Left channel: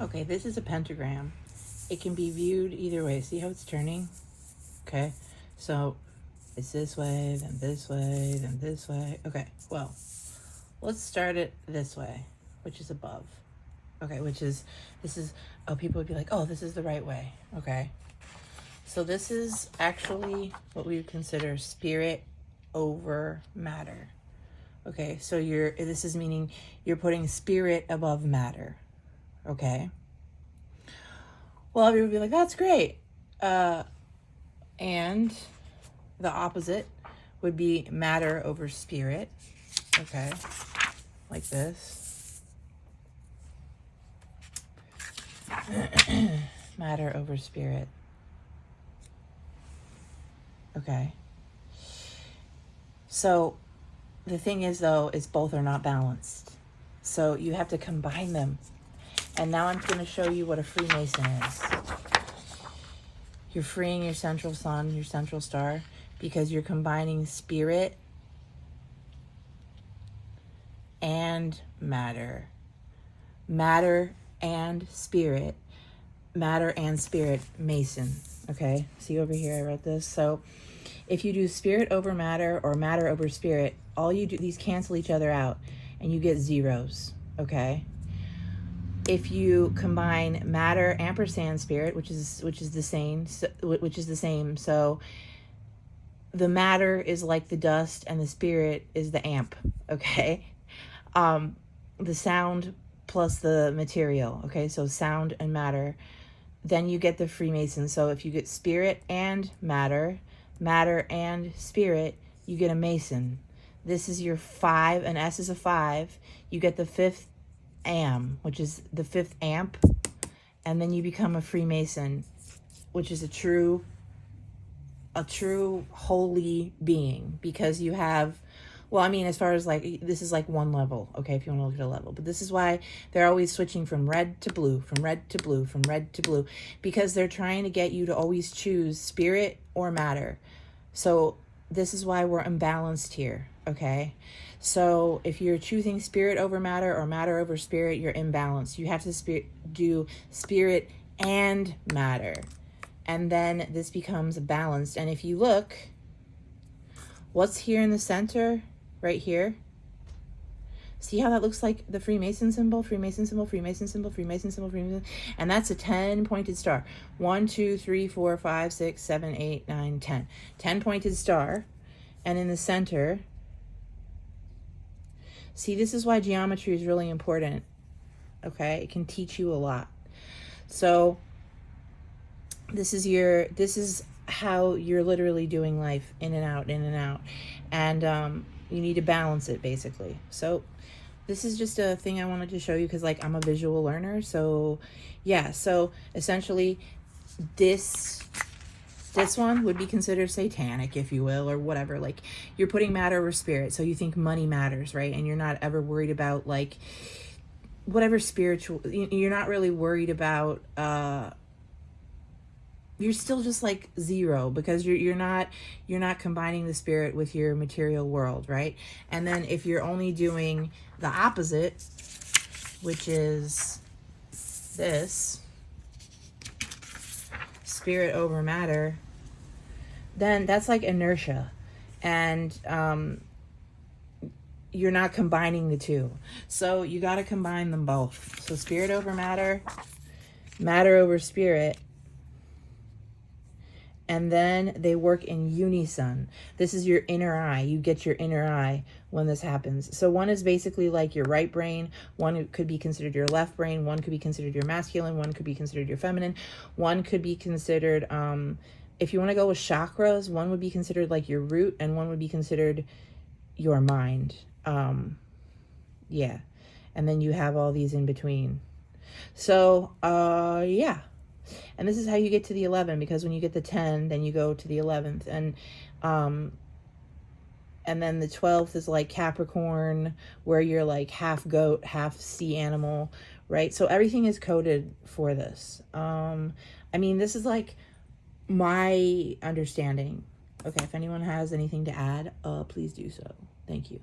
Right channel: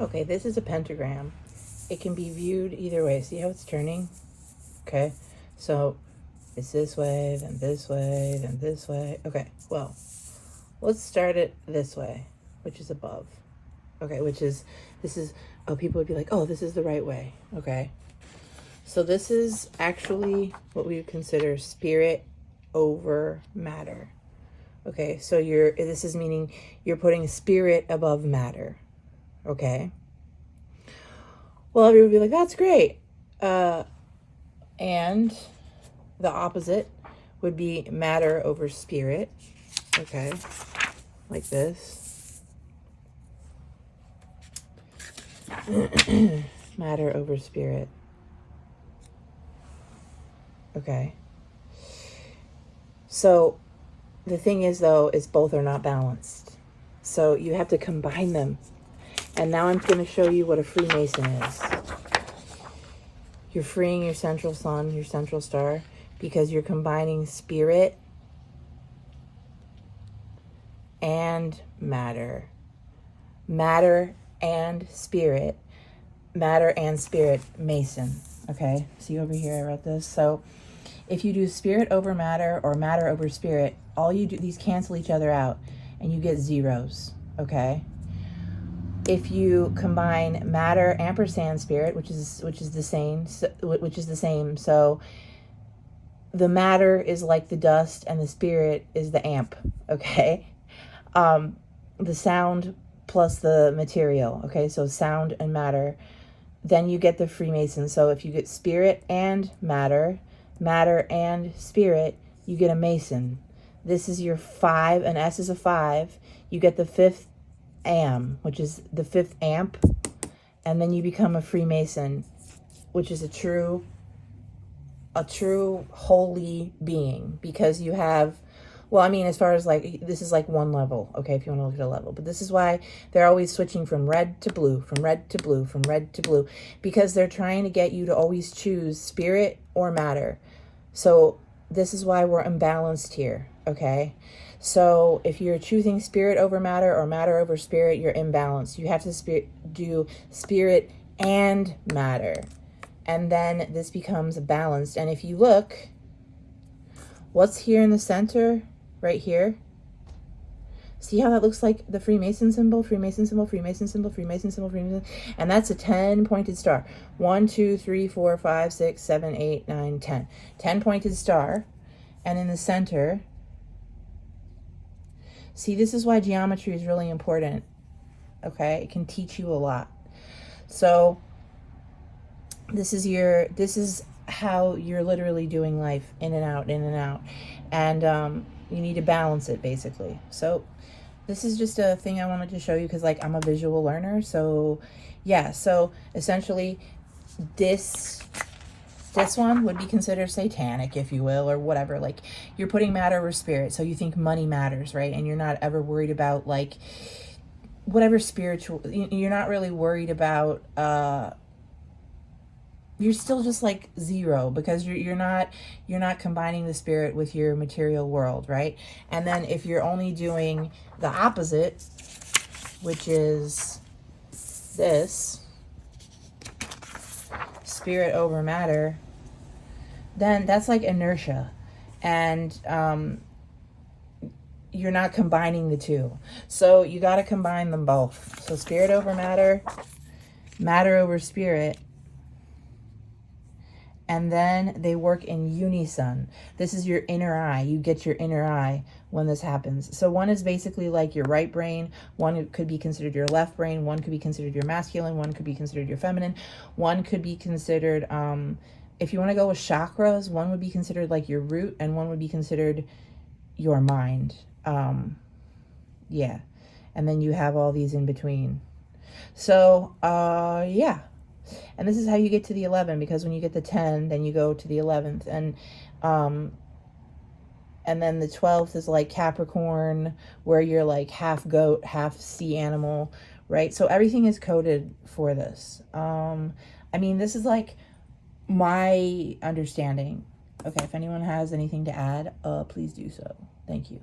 Okay, this is a pentagram. It can be viewed either way. See how it's turning? Okay, so it's this way, then this way, then this way. Okay, well, let's start it this way, which is above. Okay, this is, oh, people would be like, oh, this is the right way. Okay, so this is actually what we would consider spirit over matter. Okay, so this is meaning you're putting spirit above matter. Okay. Well, everyone would be like, that's great. And the opposite would be matter over spirit. Okay, like this. Matter over spirit. Okay. So the thing is, though, is both are not balanced. So you have to combine them. And now I'm going to show you what a Freemason is. You're freeing your central sun, your central star, because you're combining spirit and matter. Matter and spirit. Matter and spirit, Mason. Okay, see over here, I wrote this. So if you do spirit over matter or matter over spirit, all you do, these cancel each other out and you get zeros, okay? If you combine matter ampersand spirit, which is the same, so the matter is like the dust and the spirit is the amp, okay? The sound plus the material, okay? So sound and matter. Then you get the Freemason. So if you get spirit and matter, matter and spirit, you get a Mason. This is your 5, an S is a 5. You get the 5th am, which is the 5th amp, and then you become a Freemason, which is a true holy being, because you have, well, I mean, as far as like, this is like one level, okay, if you want to look at a level, but this is why they're always switching from red to blue, from red to blue, from red to blue, because they're trying to get you to always choose spirit or matter. So this is why we're imbalanced here, okay? So if you're choosing spirit over matter or matter over spirit, you're imbalanced. You have to do spirit and matter. And then this becomes balanced. And if you look, what's here in the center, right here? See how that looks like the Freemason symbol, Freemason symbol, Freemason symbol, Freemason symbol, Freemason, and that's a 10-pointed star. 1, 2, 3, 4, 5, 6, 7, 8, 9, 10. 10-pointed star. And in the center, see, this is why geometry is really important, okay? It can teach you a lot. So this is how you're literally doing life, in and out, in and out. And you need to balance it, basically. So this is just a thing I wanted to show you because, like, I'm a visual learner. So yeah, so essentially this one would be considered satanic, if you will, or whatever. Like, you're putting matter over spirit, so you think money matters, right? And you're not ever worried about, like, whatever spiritual, you're not really worried about, you're still just like zero, because you're not combining the spirit with your material world, right? And then if you're only doing the opposite, which is this, spirit over matter, then that's like inertia, and you're not combining the two. So you got to combine them both. So spirit over matter, matter over spirit, and then they work in unison. This is your inner eye. You get your inner eye when this happens. So one is basically like your right brain. One could be considered your left brain. One could be considered your masculine. One could be considered your feminine. One could be considered, if you want to go with chakras, one would be considered like your root, and one would be considered your mind. Yeah. And then you have all these in between. So, yeah. And this is how you get to the 11, because when you get the 10, then you go to the 11th. And then the 12th is like Capricorn, where you're like half goat, half sea animal, right? So everything is coded for this. I mean, this is like my understanding. Okay, if anyone has anything to add, please do so. Thank you.